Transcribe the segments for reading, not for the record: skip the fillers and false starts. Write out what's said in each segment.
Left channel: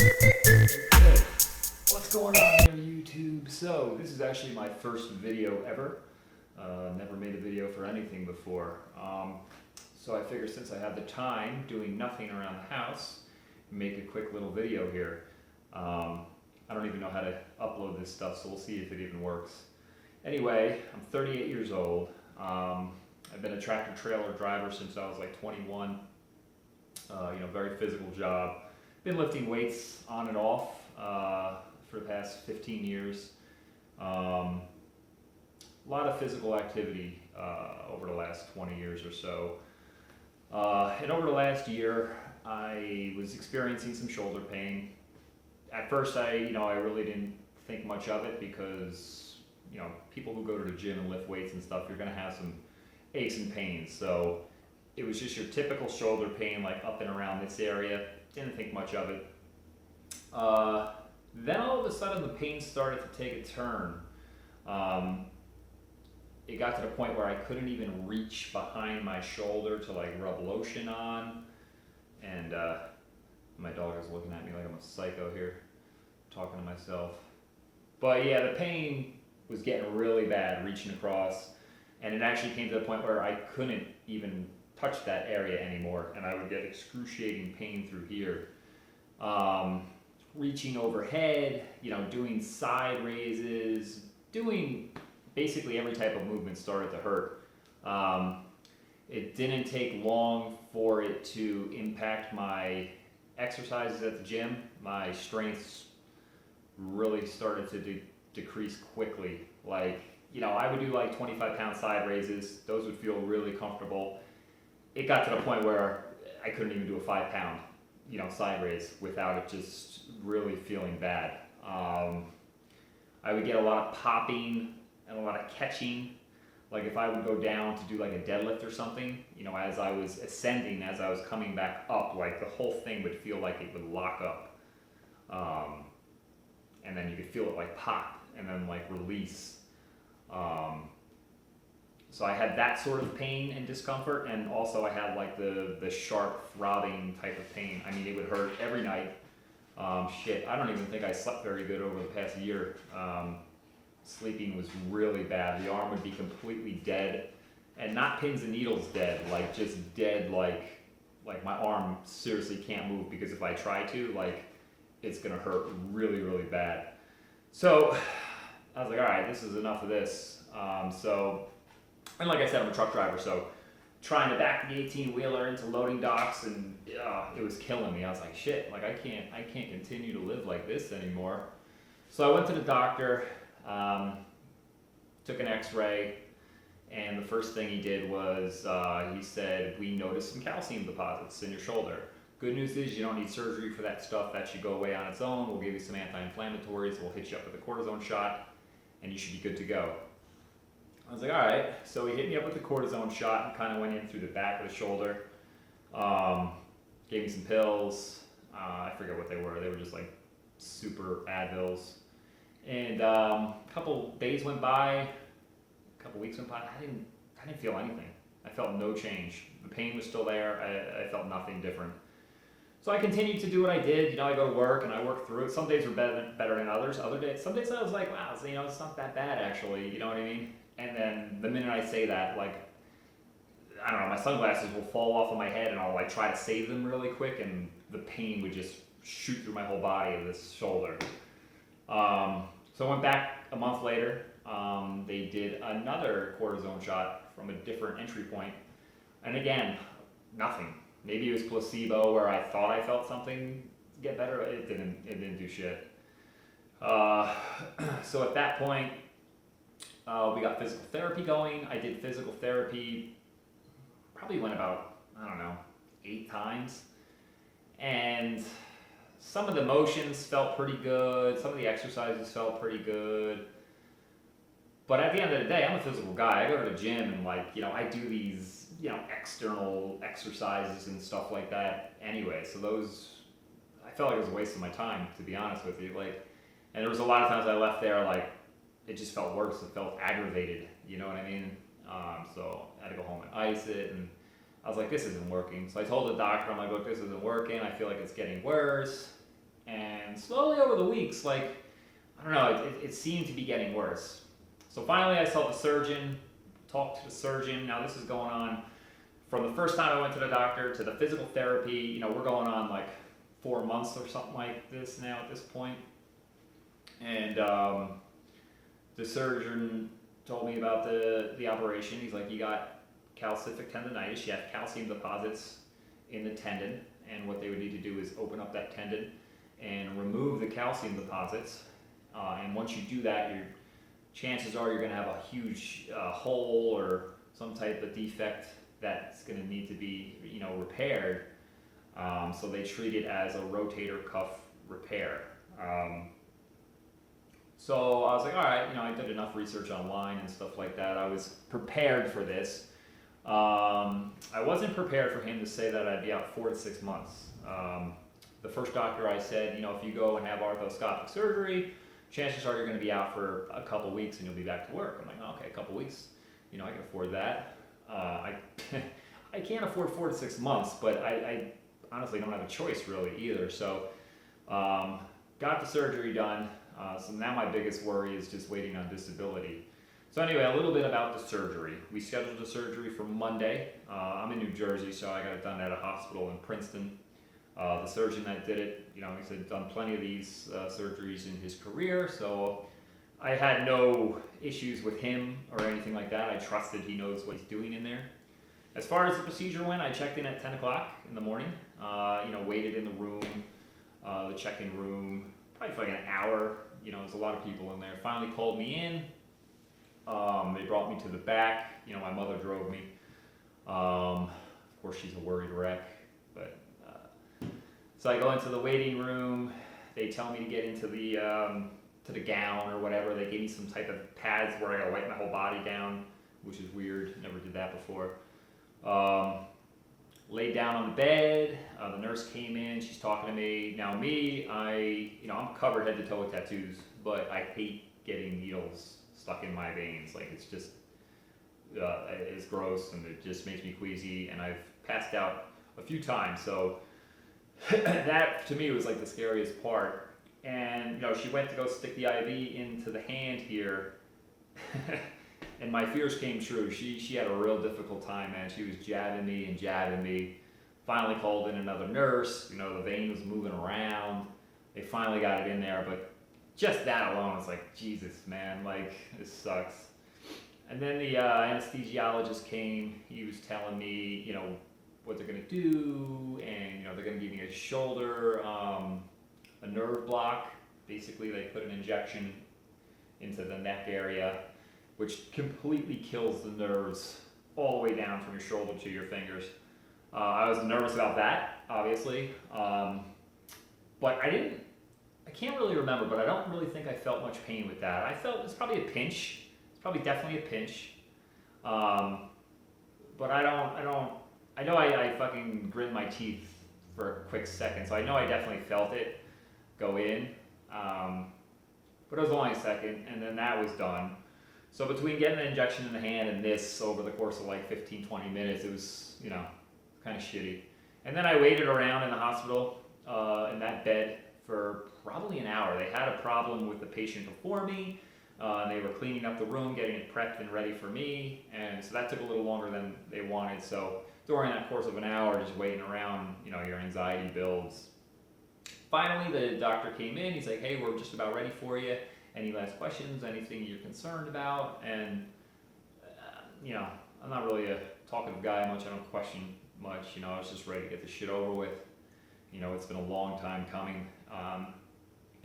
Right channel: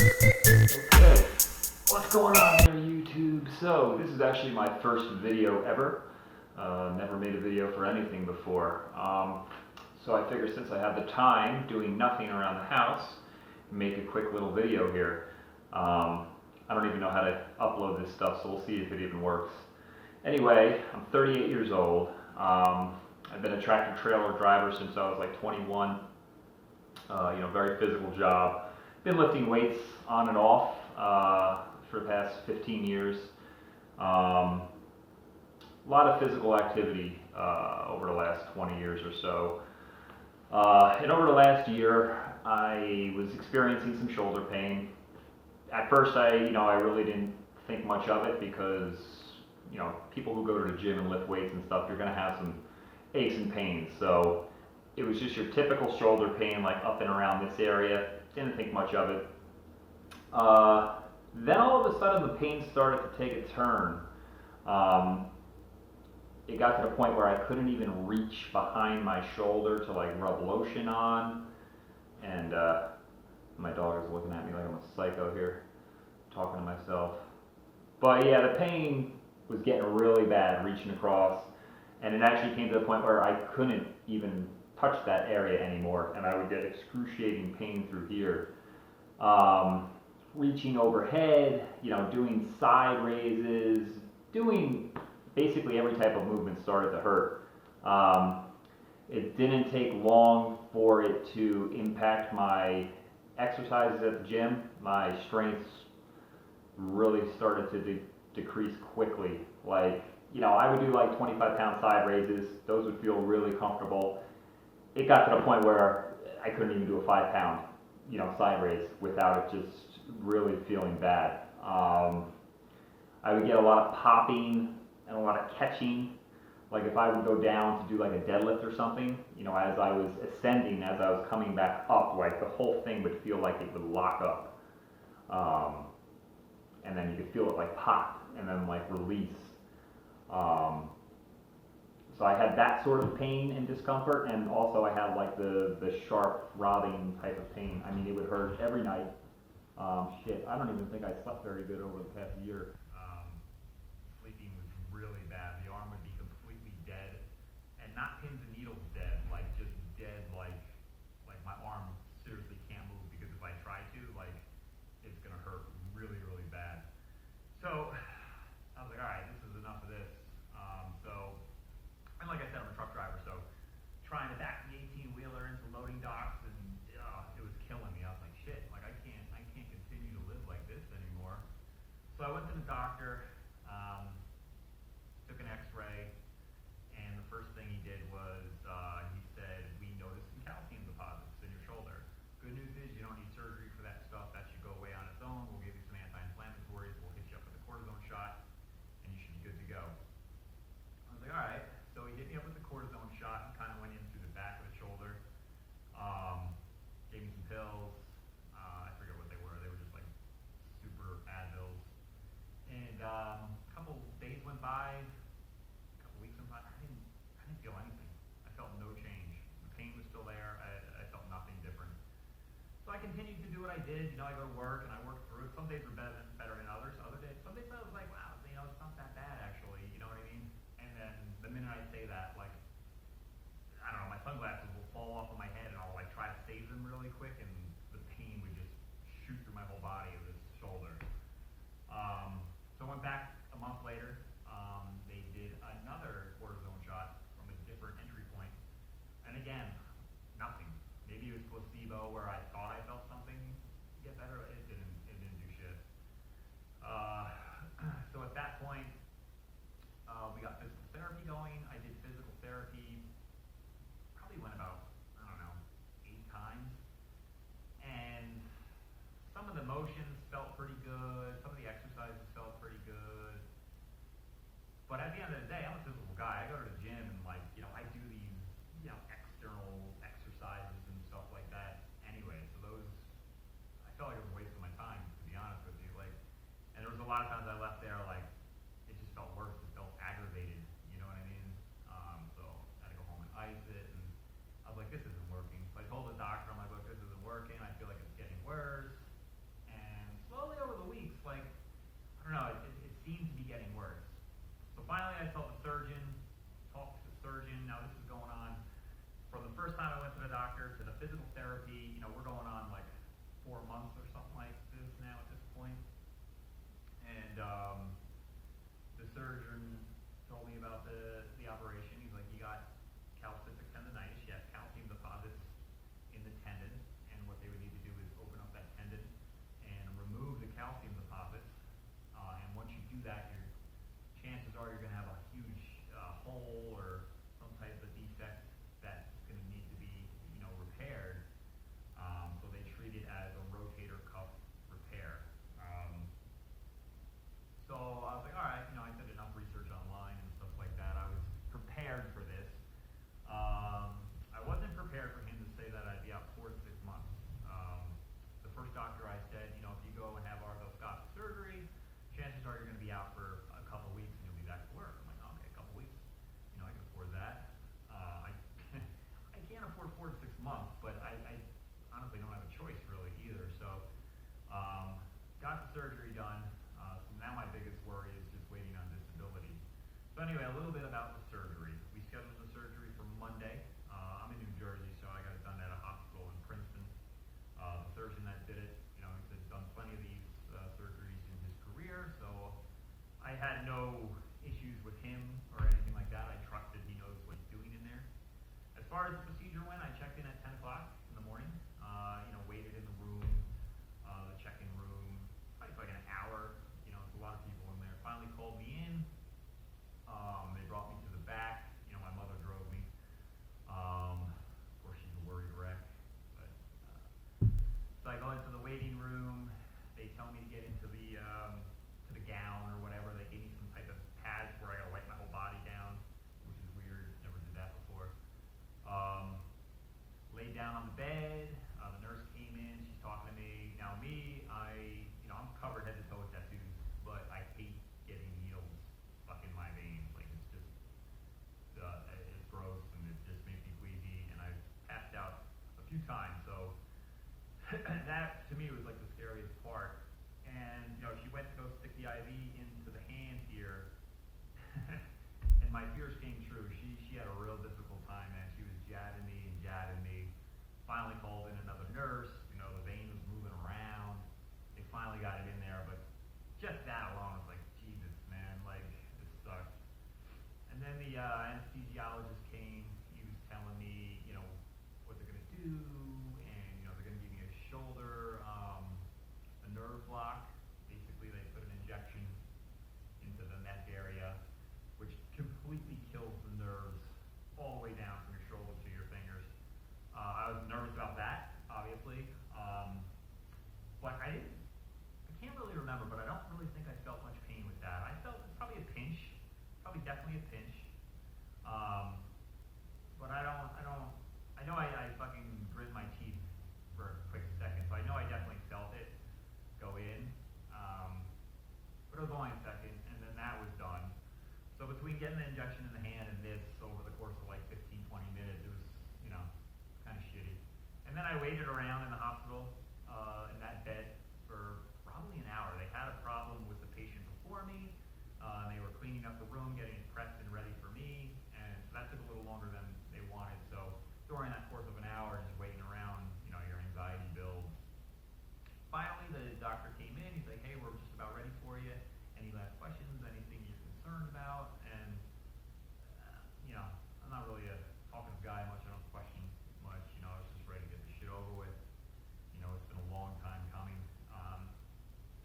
Okay, what's going on there, YouTube? So, this is actually my first video ever. Never made a video for anything before. So I figured since I have the time doing nothing around the house, make a quick little video here. I don't even know how to upload this stuff, so we'll see if it even works. Anyway, I'm 38 years old. I've been a tractor trailer driver since I was like 21. Very physical job. Been lifting weights on and off for the past 15 years. A lot of physical activity over the last 20 years or so. And over the last year, I was experiencing some shoulder pain. At first, I really didn't think much of it because, people who go to the gym and lift weights and stuff, you're going to have some aches and pains. So it was just your typical shoulder pain, like up and around this area. Didn't think much of it. Then all of a sudden, the pain started to take a turn. It got to the point where I couldn't even reach behind my shoulder to like rub lotion on. And my dog is looking at me like I'm a psycho here, talking to myself. But yeah, the pain was getting really bad, reaching across. And it actually came to the point where I couldn't even touch that area anymore, and I would get excruciating pain through here. Reaching overhead, doing side raises, doing basically every type of movement started to hurt. It didn't take long for it to impact my exercises at the gym. My strengths really started to decrease quickly. I would do like 25-pound side raises. Those would feel really comfortable. It got to the point where I couldn't even do a 5-pound, side raise without it just really feeling bad. I would get a lot of popping and a lot of catching. Like if I would go down to do like a deadlift or something, as I was ascending, as I was coming back up, like the whole thing would feel like it would lock up. And then you could feel it like pop and then like release. So I had that sort of pain and discomfort, and also I had like the sharp throbbing type of pain. I mean, it would hurt every night. I don't even think I slept very good over the past year. Sleeping was really bad. The arm would be completely dead, and not pins and needles dead, like just dead, like my arm seriously can't move, because if I try to, it's gonna hurt really, really bad. So I was like, all right, this is enough of this. And like I said, I'm a truck driver, so trying to back the 18-wheeler into loading docks, and it was killing me. I was like, shit, I can't continue to live like this anymore. So I went to the doctor, took an x-ray, and the first thing he did was, he said, we noticed some calcium deposits in your shoulder. Good news is you don't need surgery for that stuff. That should go away on its own. We'll give you some anti-inflammatories. We'll hit you up with a cortisone shot, and you should be good to go. I was like, all right. So he hit me up with the cortisone shot and kind of went in through the back of the shoulder. Gave me some pills. I forget what they were. They were just like super Advils. And a couple days went by, a couple weeks went by. I didn't feel anything. I felt no change. The pain was still there. I felt nothing different. So I continued to do what I did. I go to work and I work through it. Some days were better than others. Some days I was like, wow, it's not that bad actually. You know what I mean? And then the minute I say that, I don't know, my sunglasses will fall off of my head, and I'll try to save them really quick, and the pain would just shoot through my whole body of this shoulder. So I went back a month later. They did another cortisone shot from a different entry point, and again, nothing. Maybe it was placebo, where I thought I felt something get better. It didn't do shit. So at that point, we got physical therapy going. I did physical therapy, probably went about, 8 times. And some of the motions felt pretty good. Some of the exercises felt pretty good. But at the end of the day, I'm a physical guy. I go to the gym and I do these, external exercises and stuff like that anyway. So those, I felt like it was a waste of my time, to be honest with you. And there was a lot of times I left there, it just felt worse. It felt aggravated, you know what I mean? So I had to go home and ice it, and I was like, this isn't working. So I told the doctor, I'm like, look, this isn't working. I feel like it's getting worse. And slowly over the weeks, like, I don't know, it seemed to be getting worse. So finally I saw the surgeon, talked to the surgeon. Now this is going on from the first time I went to the doctor to the physical therapy. You know, we're going on like 4 months or something like this now at this point. And the surgeon told me about the operation. He's like, you got calcific tendonitis, you have calcium deposits in the tendon, and what they would need to do is open up that tendon and remove the calcium deposits. And once you do that, your chances are you're going to have a huge hole or some type of defect that's going to need to be, you know, repaired. So they treat it as a rotator cuff repair. So I was like, all right, you know, I did enough research online and stuff like that. I was prepared for this. I wasn't prepared for him to say that I'd be out 4 to 6 months. The first doctor I said, you know, if you go and have arthroscopic surgery, chances are you're going to be out for a couple weeks and you'll be back to work. I'm like, oh, okay, a couple weeks, you know, I can afford that. I can't afford 4 to 6 months, but I honestly don't have a choice really either. So got the surgery done. So now my biggest worry is just waiting on disability. So anyway, a little bit about the surgery. We scheduled the surgery for Monday. I'm in New Jersey, so I got it done at a hospital in Princeton. The surgeon that did it, you know, he said done plenty of these surgeries in his career, so I had no issues with him or anything like that. I trusted he knows what he's doing in there. As far as the procedure went, I checked in at 10 o'clock in the morning, you know, waited in the room, the check-in room, probably for like an hour. You know, there's a lot of people in there. Finally called me in. They brought me to the back. You know, my mother drove me. Of course, she's a worried wreck. But so I go into the waiting room. They tell me to get into the gown or whatever. They gave me some type of pads where I gotta wipe my whole body down, which is weird. Never did that before. Laid down on the bed. The nurse came in. She's talking to me. Now I'm covered head to toe with tattoos, but I hate getting needles stuck in my veins. Like, it's just it's gross and it just makes me queasy. And I've passed out a few times, so that to me was like the scariest part. And you know, she went to go stick the IV into the hand here. And my fears came true. She had a real difficult time, man. She was jabbing me. Finally called in another nurse. You know, the vein was moving around. They finally got it in there, but just that alone, it's like, Jesus, man, like, this sucks. And then the anesthesiologist came. He was telling me, you know, what they're gonna do, and you know, they're gonna give me a shoulder, a nerve block. Basically, they put an injection into the neck area, which completely kills the nerves all the way down from your shoulder to your fingers. I was nervous about that, obviously, but I can't really remember, but I don't really think I felt much pain with that. I felt it's probably a pinch. It's probably definitely a pinch. But I know I fucking grinned my teeth for a quick second, so I know I definitely felt it go in. But it was only a second, and then that was done. So between getting the injection in the hand and this over the course of like 15, 20 minutes, it was, you know, kind of shitty. And then I waited around in the hospital in that bed for probably an hour. They had a problem with the patient before me. And they were cleaning up the room, getting it prepped and ready for me. And so that took a little longer than they wanted. So during that course of an hour, just waiting around, you know, your anxiety builds. Finally, the doctor came in. He's like, hey, we're just about ready for you. Any last questions, anything you're concerned about? And, you know, I'm not really a talkative guy much. I don't question much. You know, I was just ready to get this shit over with. You know, it's been a long time coming.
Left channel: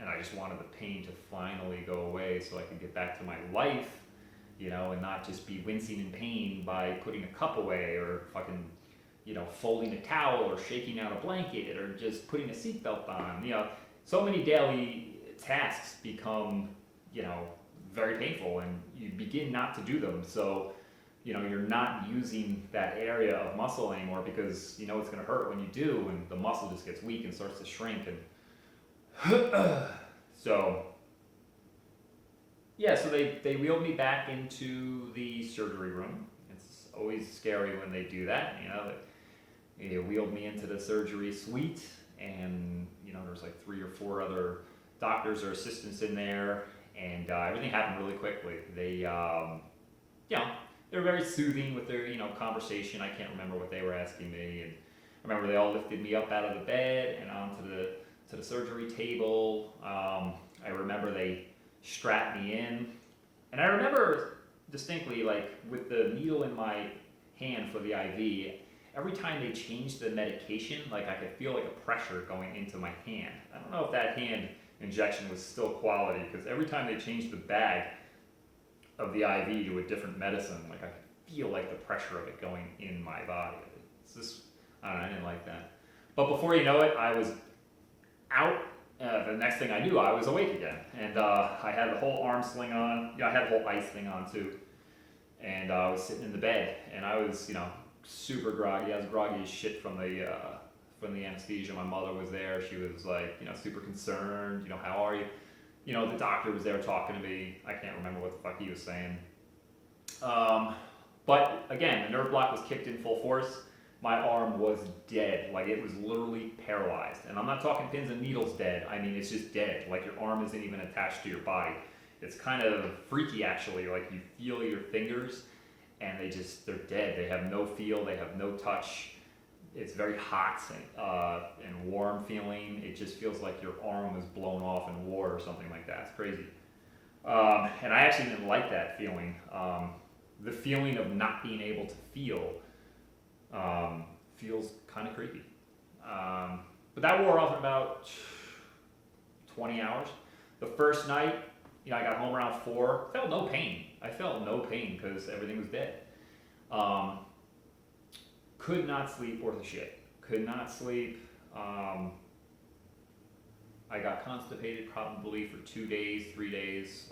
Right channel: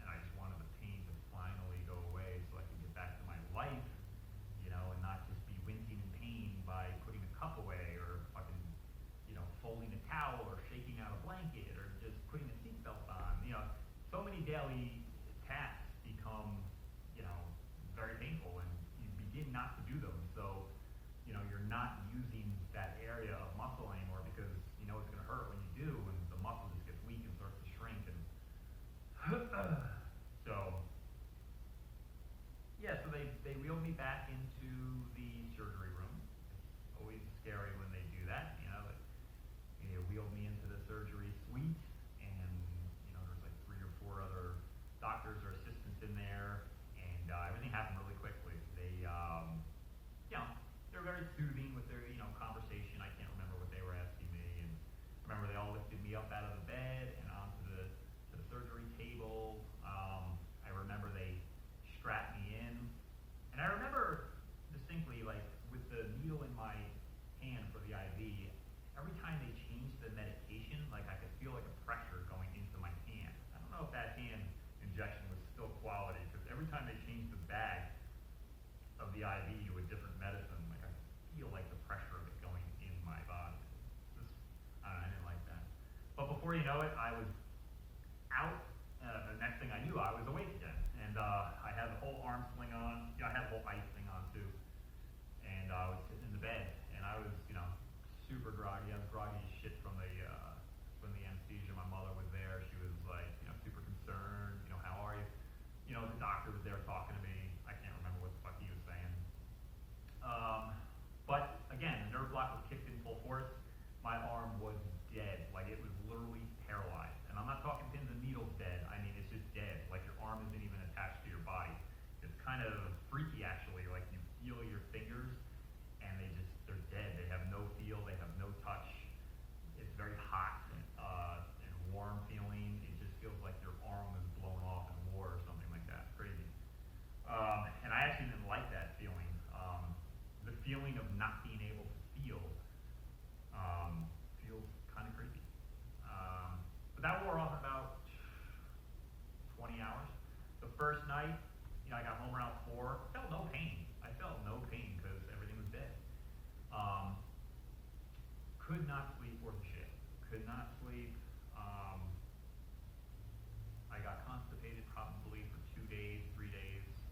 And I just wanted the pain to finally go away so I could get back to my life, you know, and not just be wincing in pain by putting a cup away or fucking, you know, folding a towel or shaking out a blanket or just putting a seatbelt on. You know, so many daily tasks become, you know, very painful and you begin not to do them. So, you know, you're not using that area of muscle anymore because you know it's going to hurt when you do, and the muscle just gets weak and starts to shrink. And so, yeah, so they wheeled me back into the surgery room. It's always scary when they do that, you know. They wheeled me into the surgery suite, and, you know, there's like 3 or 4 other doctors or assistants in there, and everything happened really quickly. They, they were very soothing with their, conversation. I can't remember what they were asking me, and I remember they all lifted me up out of the bed and onto the surgery table. I remember they strapped me in, and I remember distinctly, like, with the needle in my hand for the IV, every time they changed the medication, like, I could feel like a pressure going into my hand. I don't know if that hand injection was still quality, because every time they changed the bag of the IV to a different medicine, like, I could feel like the pressure of it going in my body. It's just, I don't know, I didn't like that. But before you know it, I was out. The next thing I knew, I was awake again, and I had the whole arm sling on. I had the whole ice thing on too, and I was sitting in the bed, and I was, super groggy. I was groggy as shit from the anesthesia. My mother was there. She was like, super concerned. How are you? The doctor was there talking to me. I can't remember what the fuck he was saying. But again, the nerve block was kicked in full force. My arm was dead. Like, it was literally paralyzed. And I'm not talking pins and needles dead. I mean, it's just dead. Like, your arm isn't even attached to your body. It's kind of freaky, actually. Like, you feel your fingers, and they're dead. They have no feel. They have no touch. It's very hot and warm feeling. It just feels like your arm was blown off in war or something like that. It's crazy. And I actually didn't like that feeling. The feeling of not being able to feel feels kind of creepy. But that wore off in about 20 hours. The first night, I got home around 4. Felt no pain. I felt no pain because everything was dead. Could not sleep worth a shit. Could not sleep. I got constipated probably for 2 days, 3 days.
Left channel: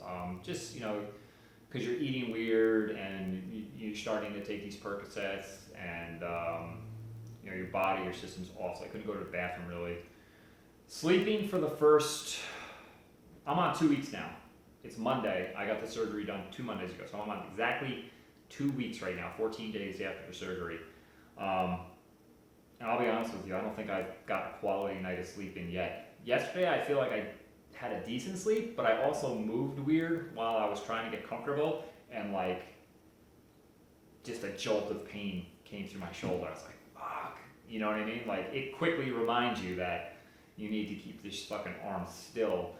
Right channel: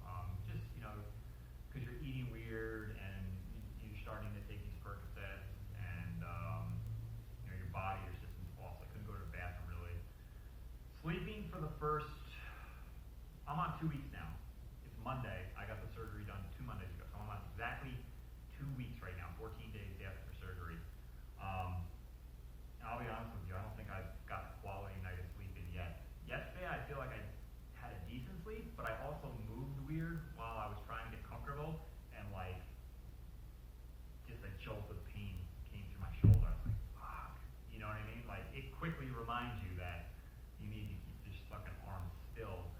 Just, because you're eating weird and you're starting to take these Percocets, and your body, your system's off. So I couldn't go to the bathroom really. Sleeping for the first, I'm on 2 weeks now. It's Monday. I got the surgery done 2 Mondays ago, so I'm on exactly 2 weeks right now, 14 days after the surgery. And I'll be honest with you, I don't think I've got a quality night of sleep in yet. Yesterday, I feel like I had a decent sleep, but I also moved weird while I was trying to get comfortable, and like, just a jolt of pain came through my shoulder. I was like, fuck, you know what I mean? Like, it quickly reminds you that you need to keep this fucking arm still.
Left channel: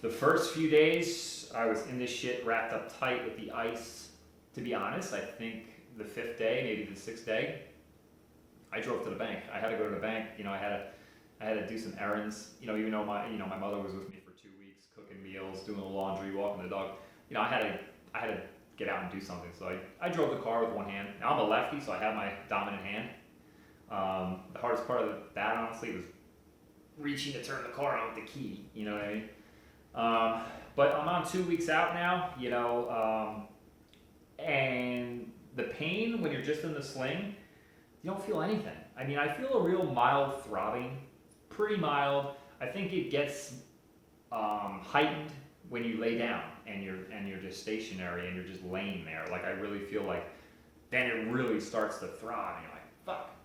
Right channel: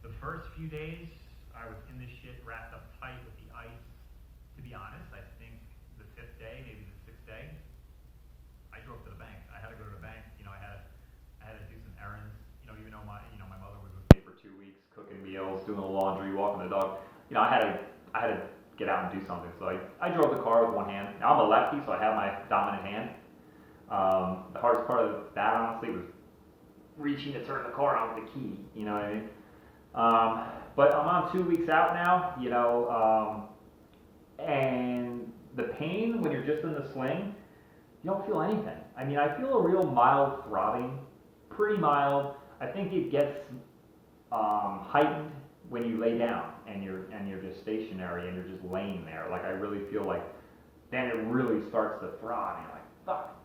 The first few days, I was in this shit wrapped up tight with the ice. To be honest, I think the 5th day, maybe the 6th day, I drove to the bank. I had to go to the bank. I had to do some errands. Even though my mother was with me for 2 weeks, cooking meals, doing the laundry, walking the dog. I had to get out and do something. So I drove the car with one hand. Now I'm a lefty, so I have my dominant hand. The hardest part of that, honestly, was reaching to turn the car on with the key. You know what I mean? But I'm on 2 weeks out now. And the pain when you're just in the sling, you don't feel anything. I mean, I feel a real mild throbbing, pretty mild. I think it gets heightened when you lay down and you're just stationary and you're just laying there. Like, I really feel like then it really starts to throb and you're like, fuck,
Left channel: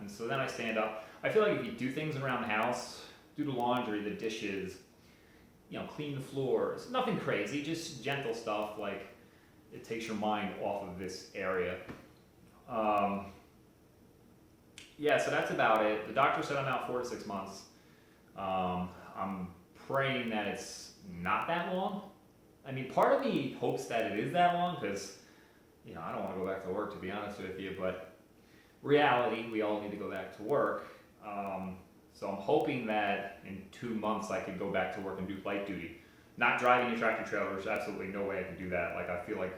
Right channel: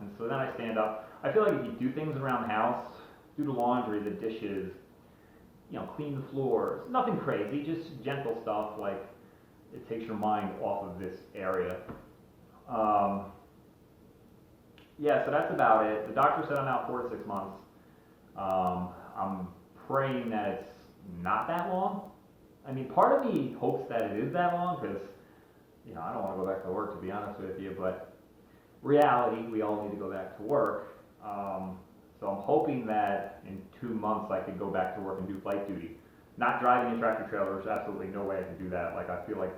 And so then I stand up. I feel like if you do things around the house, do the laundry, the dishes, clean the floors, nothing crazy, just gentle stuff, like it takes your mind off of this area. So that's about it. The doctor said I'm out 4 to 6 months. I'm praying that it's not that long. I mean, part of me hopes that it is that long because, I don't want to go back to work, to be honest with you, but reality, we all need to go back to work. So I'm hoping that in 2 months I can go back to work and do flight duty. Not driving a tractor trailer, there's absolutely no way I can do that. Like, I feel like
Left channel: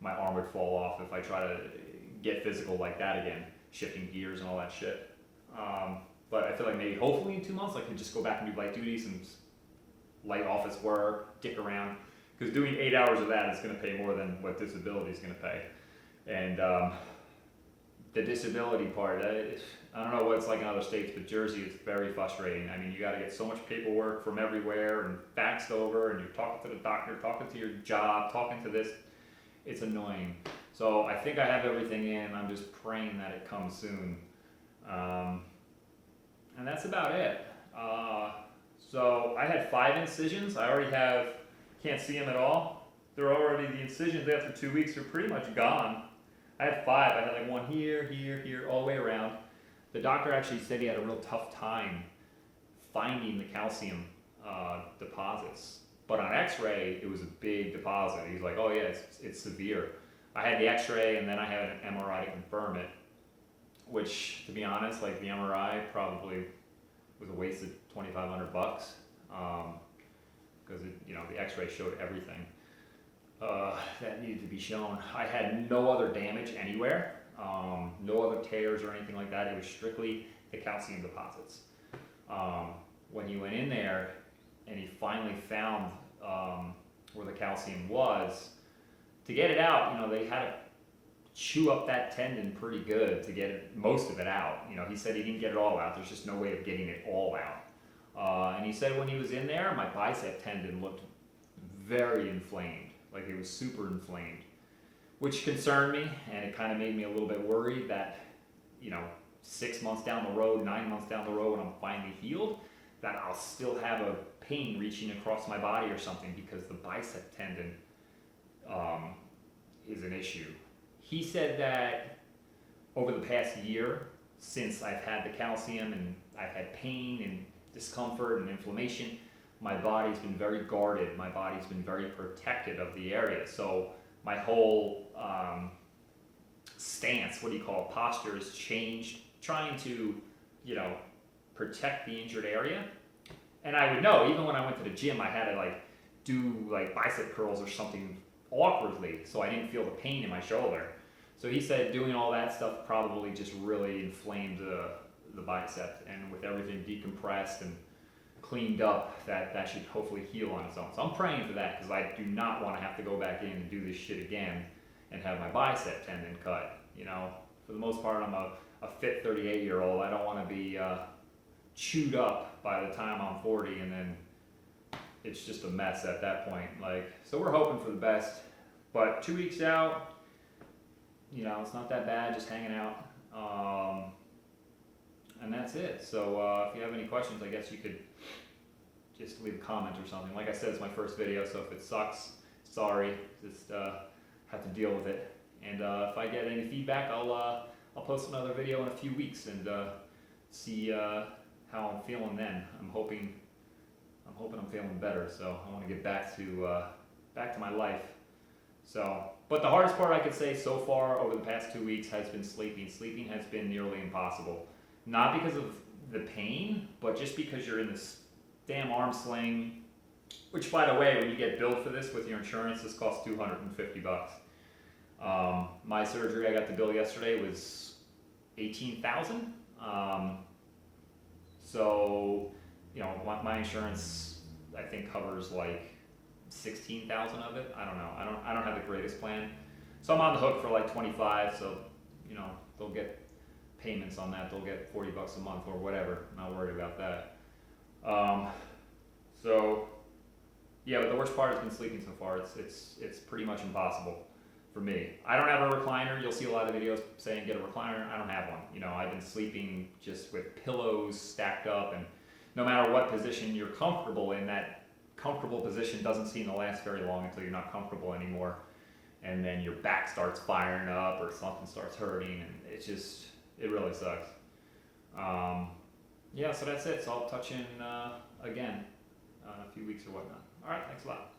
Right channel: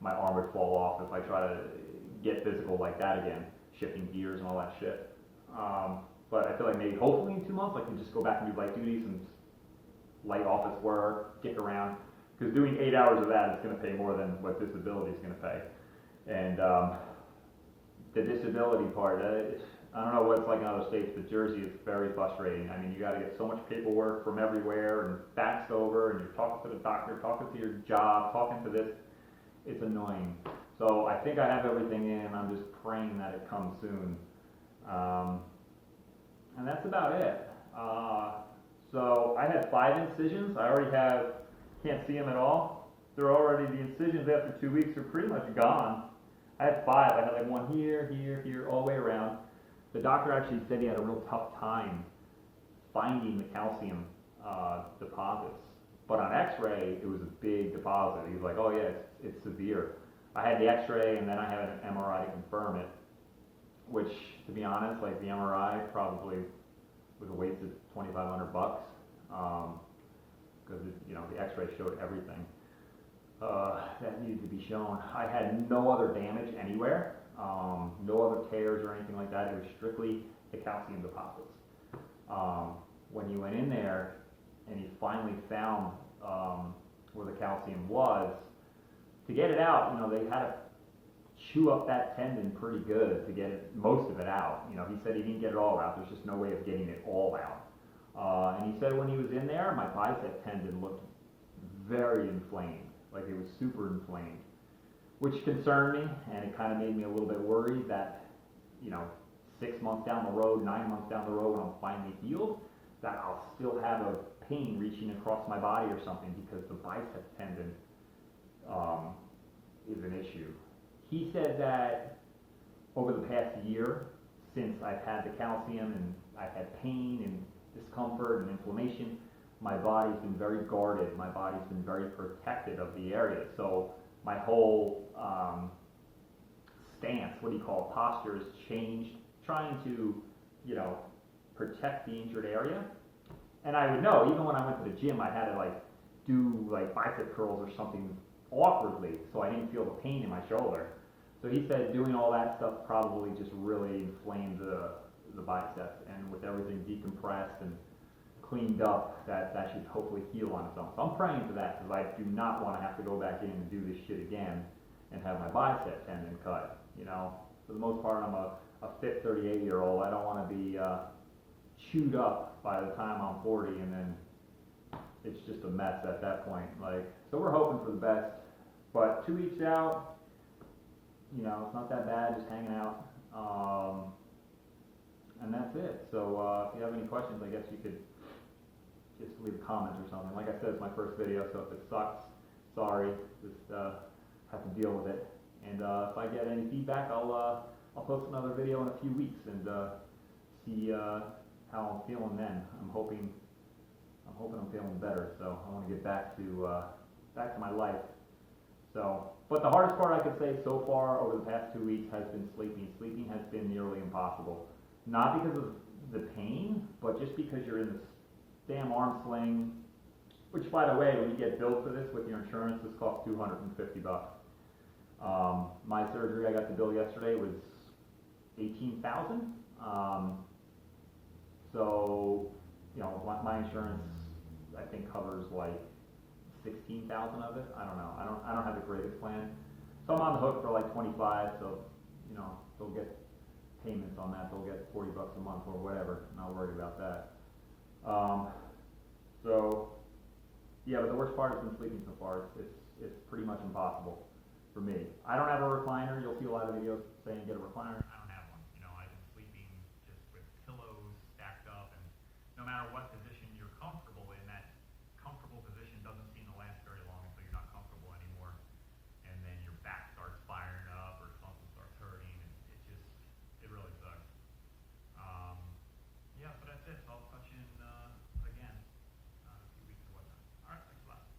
my arm would fall off if I try to get physical like that again, shifting gears and all that shit. But I feel like maybe hopefully in 2 months I can just go back and do light duty, some light office work, dick around. Because doing 8 hours of that is going to pay more than what disability is going to pay. And the disability part, I don't know what it's like in other states, but Jersey is very frustrating. I mean, you got to get so much paperwork from everywhere and faxed over, and you're talking to the doctor, talking to your job, talking to this. It's annoying. So I think I have everything in. I'm just praying that it comes soon. And that's about it. So I had 5 incisions. I already have, can't see them at all. They're already, the incisions after 2 weeks are pretty much gone. I had 5. I had like one here, here, here, all the way around. The doctor actually said he had a real tough time finding the calcium deposits. But on x-ray, it was a big deposit. He's like, oh yeah, it's severe. I had the x-ray and then I had an MRI to confirm it, which, to be honest, like the MRI probably was a waste of $2,500 because the x-ray showed everything that needed to be shown. I had no other damage anywhere, no other tears or anything like that. It was strictly the calcium deposits. When he went in there and he finally found where the calcium was, to get it out, they had to chew up that tendon pretty good to get most of it out. He said he didn't get it all out. There's just no way of getting it all out. And he said when he was in there, my bicep tendon looked very inflamed, like it was super inflamed, which concerned me, and it kind of made me a little bit worried that, 6 months down the road, 9 months down the road, when I'm finally healed, that I'll still have a pain reaching across my body or something because the bicep tendon is an issue. He said that over the past year, since I've had the calcium and I've had pain and discomfort and inflammation, my body's been very guarded. My body's been very protected of the area. So my whole stance, posture has changed, trying to, protect the injured area. And I would know, even when I went to the gym, I had to do bicep curls or something awkwardly so I didn't feel the pain in my shoulder. So he said doing all that stuff probably just really inflamed the bicep, and with everything decompressed and cleaned up, that should hopefully heal on its own. So I'm praying for that because I do not want to have to go back in and do this shit again and have my bicep tendon cut. For the most part, I'm a fit 38-year-old. I don't want to be chewed up by the time I'm 40 and then it's just a mess at that point. So we're hoping for the best. But 2 weeks out, it's not that bad, just hanging out. And that's it. So if you have any questions, I guess you could just leave a comment or something. Like I said, it's my first video, so if it sucks, sorry. Just have to deal with it. And if I get any feedback, I'll post another video in a few weeks and see how I'm feeling then. I'm hoping I'm feeling better. So I want to get back to my life. So, but the hardest part I could say so far over the past 2 weeks has been sleeping. Sleeping has been nearly impossible. Not because of the pain, but just because you're in this damn arm sling, which, by the way, when you get billed for this with your insurance, this costs $250. My surgery, I got the bill yesterday, was $18,000. So, my insurance, I think, covers 16,000 of it. I don't know. I don't have the greatest plan. So I'm on the hook for 25. So, they'll get payments on that. They'll get $40 a month or whatever. Not worried about that. So yeah, but the worst part has been sleeping so far. It's pretty much impossible for me. I don't have a recliner. You'll see a lot of videos saying get a recliner. I don't have one. I've been sleeping just with pillows stacked up, and no matter what position you're comfortable in, that comfortable position doesn't seem to last very long until you're not comfortable anymore, and then your back starts firing up or something starts hurting, and it really sucks. Yeah, so that's it. So I'll touch in again in a few weeks or whatnot. All right, thanks a lot.